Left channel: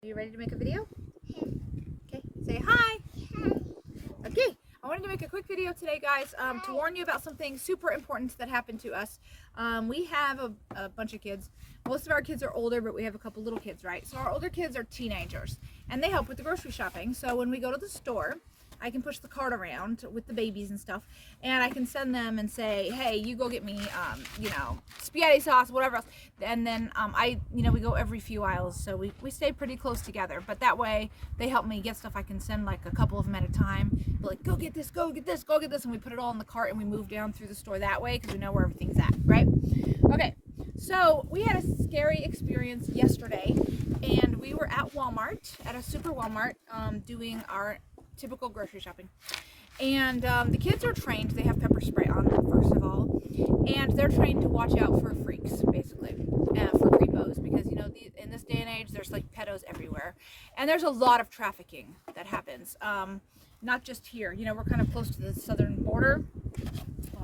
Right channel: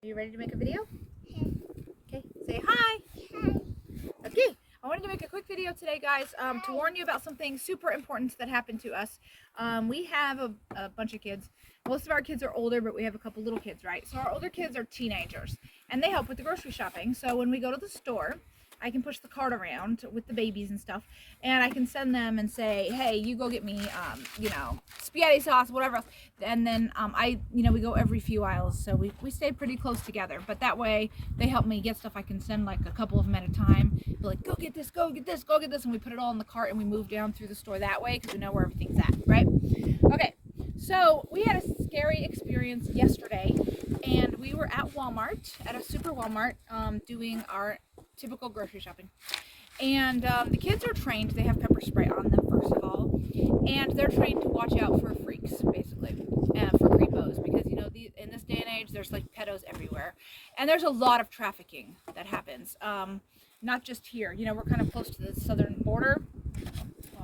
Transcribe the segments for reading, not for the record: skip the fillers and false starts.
Are you ready to make a video? Okay, say hi. Hi. Okay, I wanted to make a quick video today, guys, to warn you about something super important that happened to us. We have a bunch of kids. Most of our kids are older, but we have a couple little kids, right? So our older kids are teenagers, and they help with the grocery shopping. So when we go to the store, I can push the cart around with the babies and stuff, and I can send them and say, hey, you go get me, spaghetti sauce, whatever else. And then we go every few aisles, so we stay pretty close together. But that way, they help me get stuff. I can send like a couple of them at a time. Be like, go get this, go get this, go get this, and we put it all in the cart and we move down through the store that way because we know where everything's at, right? Okay, so we had a scary experience yesterday, and we were at Walmart, at a super Walmart, doing our typical grocery shopping. And the kids are trained. They have pepper spray on them, first of all, and they're trained to watch out for freaks, basically, for creepos, because in this day and age, there's like pedos everywhere, and there's a lot of trafficking that happens. Not just here. We're kind of close to the southern border,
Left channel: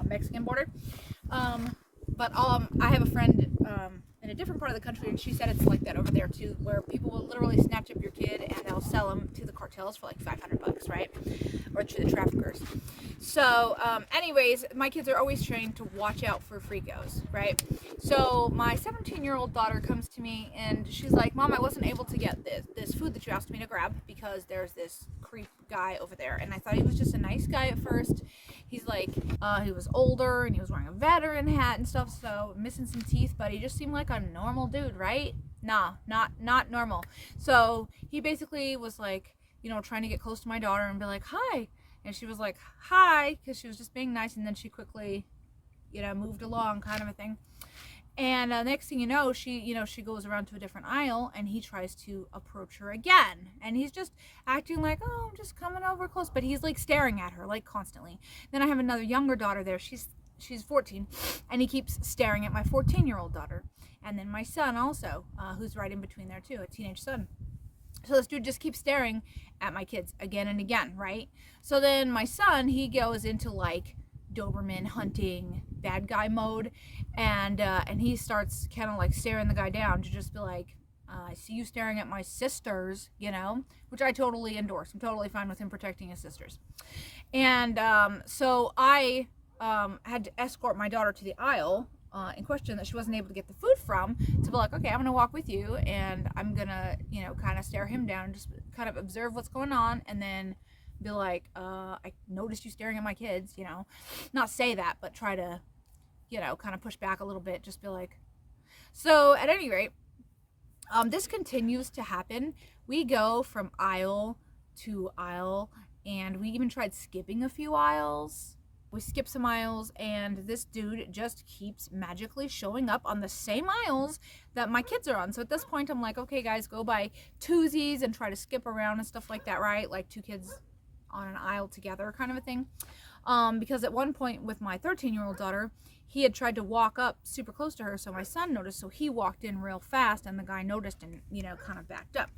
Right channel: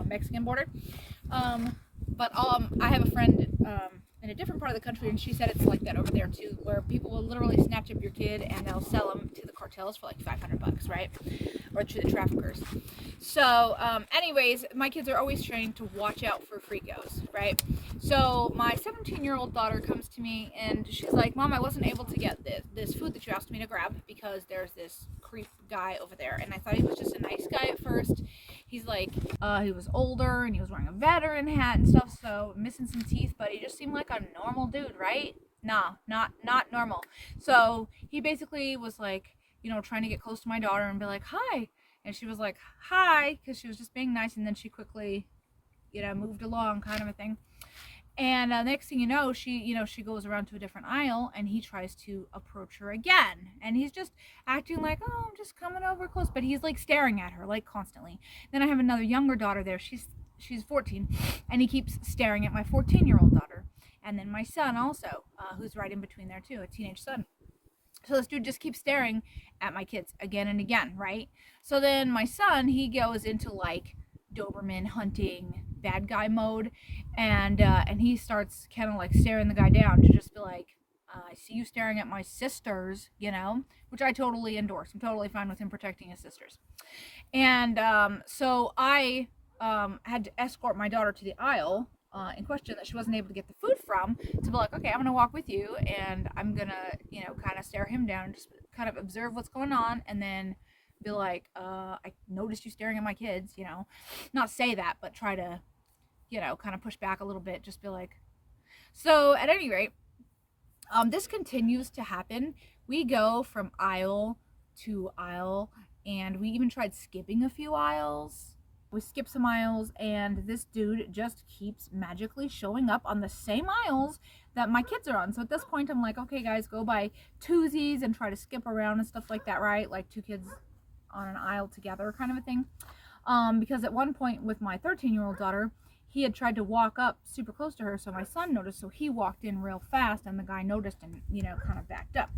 Mexican border. But I have a friend in a different part of the country, and she said it's like that over there too, where people will literally snatch up your kid and they'll sell them to the cartels for like $500, right? Or to the traffickers. So, anyways, my kids are always trained to watch out for freakos, right? So my 17-year-old daughter comes to me and she's like, Mom, I wasn't able to get this food that you asked me to grab because there's this creep guy over there. And I thought he was just a nice guy at first. He's like, he was older and he was wearing a veteran hat and stuff, so missing some teeth, but he just seemed like a normal dude, right? Nah, not normal. So he basically was like, trying to get close to my daughter and be like, hi. And she was like, hi, because she was just being nice, and then she quickly, moved along, kind of a thing. And next thing you know, she goes around to a different aisle, and he tries to approach her again. And he's just acting like, oh, I'm just coming over close. But he's like staring at her, like constantly. Then I have another younger daughter there. She's 14, and he keeps staring at my 14-year-old daughter. And then my son also, who's right in between there too, a teenage son. So this dude just keeps staring at my kids again and again, right? So then my son, he goes into like Doberman hunting bad guy mode, and he starts kind of like staring the guy down to just be like, I see you staring at my sisters, which I totally endorse. I'm totally fine with him protecting his sisters. And so I had to escort my daughter to the aisle in question that she wasn't able to get the food from, to be like, okay, I'm gonna walk with you, and I'm gonna kind of stare him down, just kind of observe what's going on, and then be like, I noticed you staring at my kids, not say that, but try to kind of push back a little bit, just be like. So at any rate, this continues to happen. We go from aisle to aisle, and we even tried skipping a few aisles. We skip some aisles, and this dude just keeps magically showing up on the same aisles that my kids are on. So at this point, I'm like, okay, guys, go buy twosies and try to skip around and stuff like that, right? Like two kids on an aisle together, kind of a thing. Because at one point with my 13-year-old daughter, he had tried to walk up super close to her, so my son noticed, so he walked in real fast, and the guy noticed and, kind of backed up.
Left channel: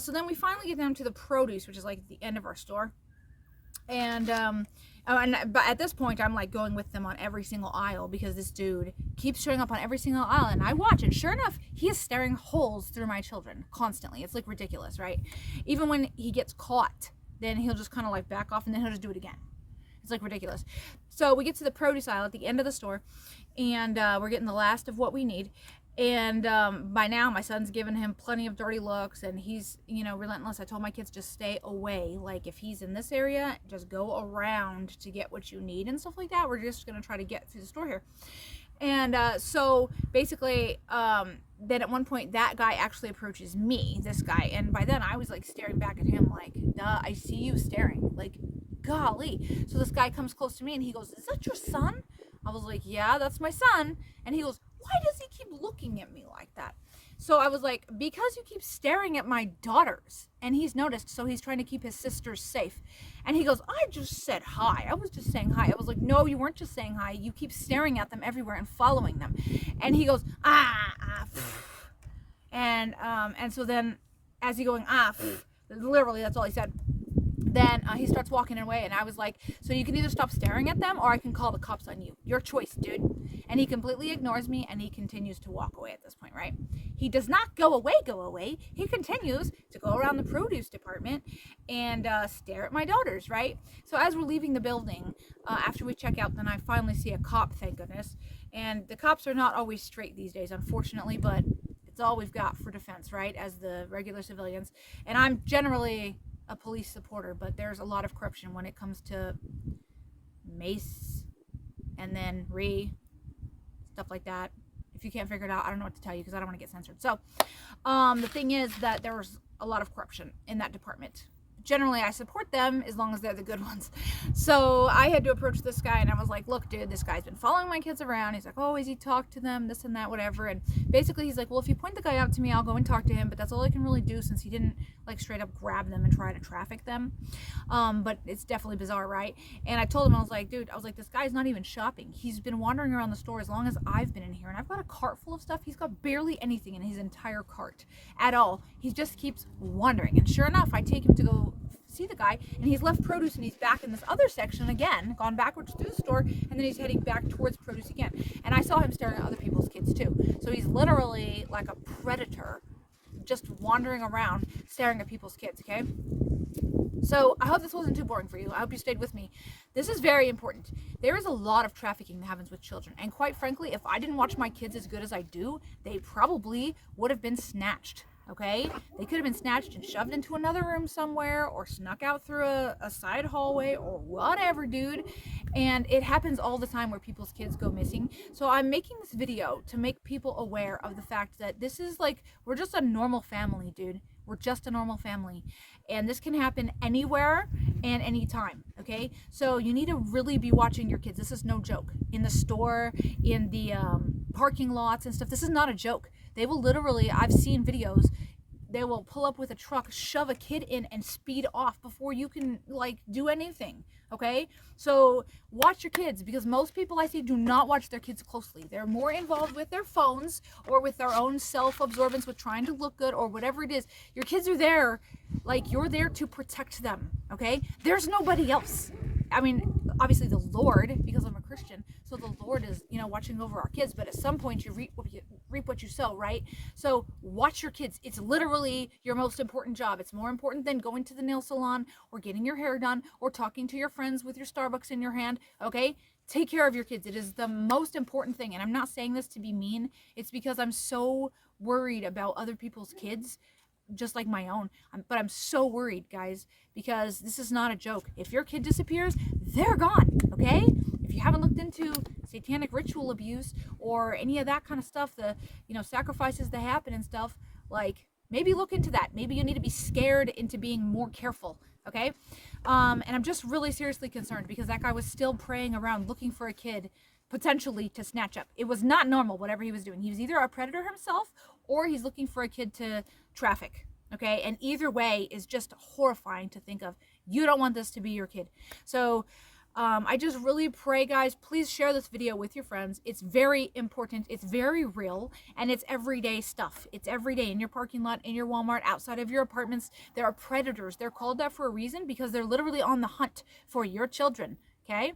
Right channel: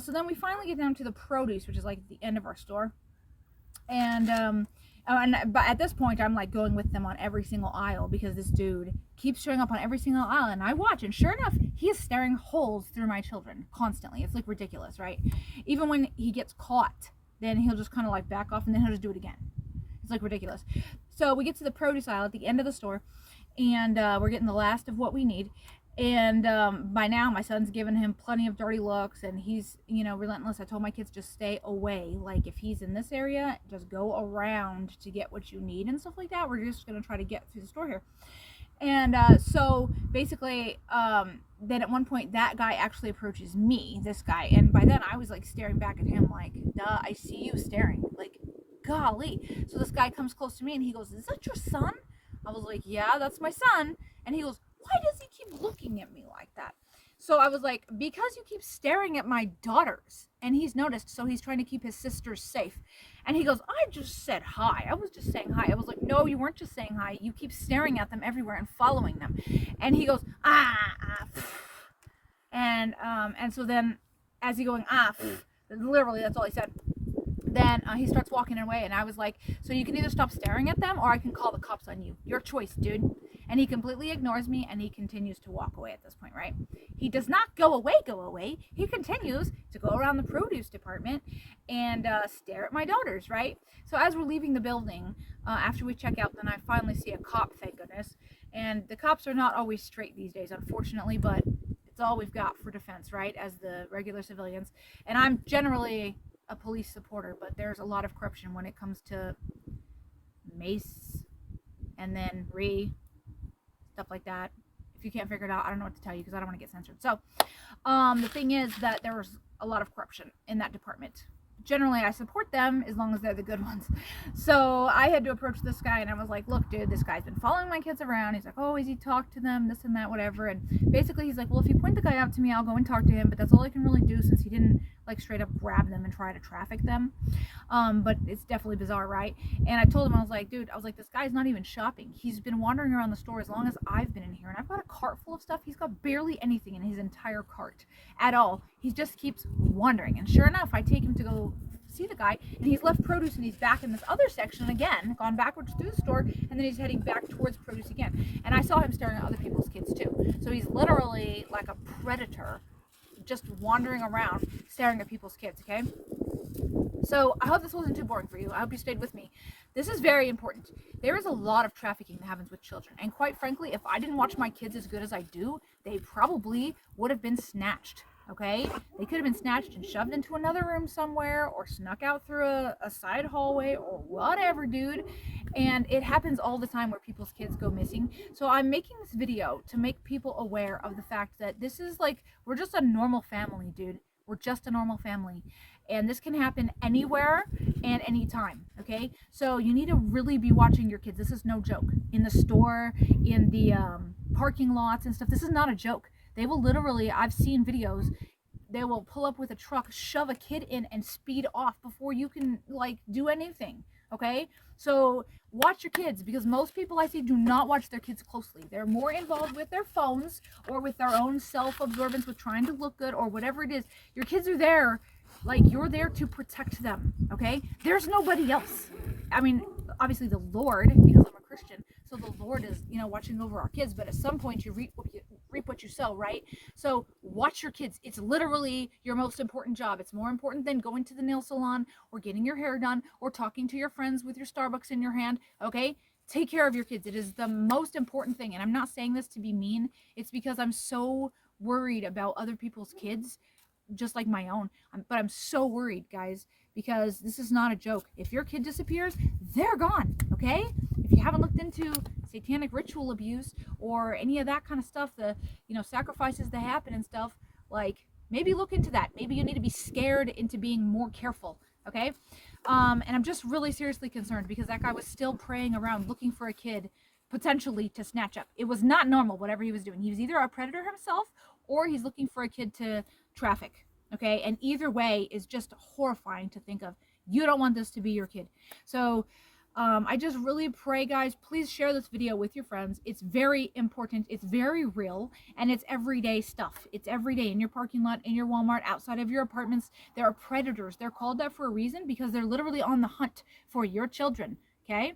So then we finally get down to the produce, which is like at the end of our store. But at this point, I'm like going with them on every single aisle because this dude keeps showing up on every single aisle, and I watch, and sure enough, he is staring holes through my children constantly. It's like ridiculous, right? Even when he gets caught, then he'll just kind of like back off, and then he'll just do it again. It's like ridiculous. So we get to the produce aisle at the end of the store, and we're getting the last of what we need. And by now, my son's given him plenty of dirty looks, and he's, relentless. I told my kids, just stay away. Like, if he's in this area, just go around to get what you need and stuff like that. We're just going to try to get through the store here. And so basically, then at one point, that guy actually approaches me, this guy. And by then, I was like staring back at him like, duh, I see you staring. Like, golly. So this guy comes close to me, and he goes, is that your son? I was like, yeah, that's my son. And he goes, why does he keep looking at me like that? So I was like, because you keep staring at my daughters. And he's noticed, so he's trying to keep his sisters safe. And he goes, I just said hi. I was just saying hi. I was like, no, you weren't just saying hi. You keep staring at them everywhere and following them. And he goes, and so then as he going, literally, that's all he said. then he starts walking away, and I was like, so you can either stop staring at them, or I can call the cops on you. Your choice, dude. And he completely ignores me, and he continues to walk away at this point, right? He does not go away. He continues to go around the produce department and stare at my daughters, right? So as we're leaving the building, after we check out, then I finally see a cop, thank goodness. And the cops are not always straight these days, unfortunately, but it's all we've got for defense, right, as the regular civilians. And I'm generally a police supporter, but there's a lot of corruption when it comes to mace and then stuff like that. If you can't figure it out, I don't know what to tell you because I don't want to get censored. So the thing is that there's a lot of corruption in that department. Generally, I support them as long as they're the good ones. So I had to approach this guy, and I was like, look, dude, this guy's been following my kids around. He's like, oh, has he talked to them, this and that, whatever. And basically he's like, well, if you point the guy out to me, I'll go and talk to him, but that's all I can really do since he didn't like straight up grab them and try to traffic them. But it's definitely bizarre, right? And I told him, I was like, dude, this guy's not even shopping. He's been wandering around the store as long as I've been in here, and I've got a cart full of stuff. He's got barely anything in his entire cart at all. He just keeps wandering. And sure enough, I take him to go see the guy, and he's left produce, and he's back in this other section again, gone backwards through the store, and then he's heading back towards produce again. And I saw him staring at other people's kids too. So he's literally like a predator, just wandering around staring at people's kids. Okay, so I hope this wasn't too boring for you. I hope you stayed with me. This is very important. There is a lot of trafficking that happens with children, and quite frankly, if I didn't watch my kids as good as I do, they probably would have been snatched. Okay, they could have been snatched and shoved into another room somewhere, or snuck out through a side hallway, or whatever, dude. And it happens all the time where people's kids go missing. So I'm making this video to make people aware of the fact that this is like, we're just a normal family, dude. We're just a normal family, and this can happen anywhere and anytime. Okay, so you need to really be watching your kids. This is no joke. In the store, in the parking lots and stuff, this is not a joke. They will literally, I've seen videos, they will pull up with a truck, shove a kid in, and speed off before you can, like, do anything, okay? So watch your kids, because most people I see do not watch their kids closely. They're more involved with their phones or with their own self-absorbance with trying to look good or whatever it is. Your kids are there, like, you're there to protect them, okay? There's nobody else. I mean, obviously the Lord, because I'm a Christian, so the Lord is, watching over our kids, but at some point you reap what you sow, right? So watch your kids. It's literally your most important job. It's more important than going to the nail salon or getting your hair done or talking to your friends with your Starbucks in your hand, okay? Take care of your kids. It is the most important thing. And I'm not saying this to be mean. It's because I'm so worried about other people's kids, just like my own. But I'm so worried, guys, because this is not a joke. If your kid disappears, they're gone, okay? If you haven't looked into satanic ritual abuse or any of that kind of stuff, the sacrifices that happen and stuff, like, maybe look into that. Maybe you need to be scared into being more careful, okay? And I'm just really seriously concerned because that guy was still praying around looking for a kid potentially to snatch up. It was not normal, whatever he was doing. He was either a predator himself or he's looking for a kid to traffic, okay? And either way is just horrifying to think of. You don't want this to be your kid. So I just really pray, guys, please share this video with your friends. It's very important. It's very real, and it's everyday stuff. It's every day in your parking lot, in your Walmart, outside of your apartments. There are predators. They're called that for a reason because they're literally on the hunt for your children, okay?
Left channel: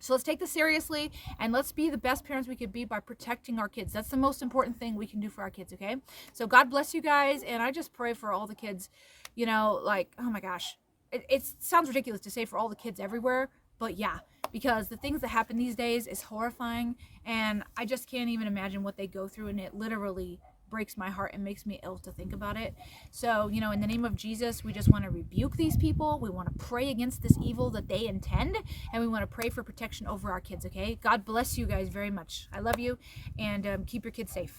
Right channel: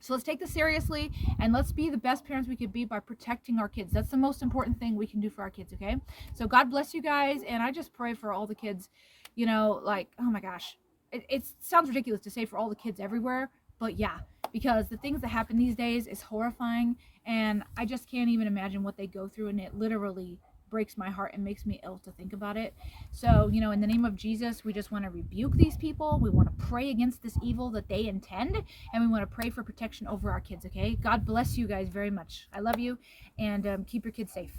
So let's take this seriously, and let's be the best parents we could be by protecting our kids. That's the most important thing we can do for our kids, okay? So God bless you guys, and I just pray for all the kids, like, oh my gosh. It sounds ridiculous to say for all the kids everywhere, but yeah, because the things that happen these days is horrifying, and I just can't even imagine what they go through, and it literally breaks my heart and makes me ill to think about it. So, in the name of Jesus, we just want to rebuke these people. We want to pray against this evil that they intend, and we want to pray for protection over our kids, okay? God bless you guys very much. I love you, and keep your kids safe.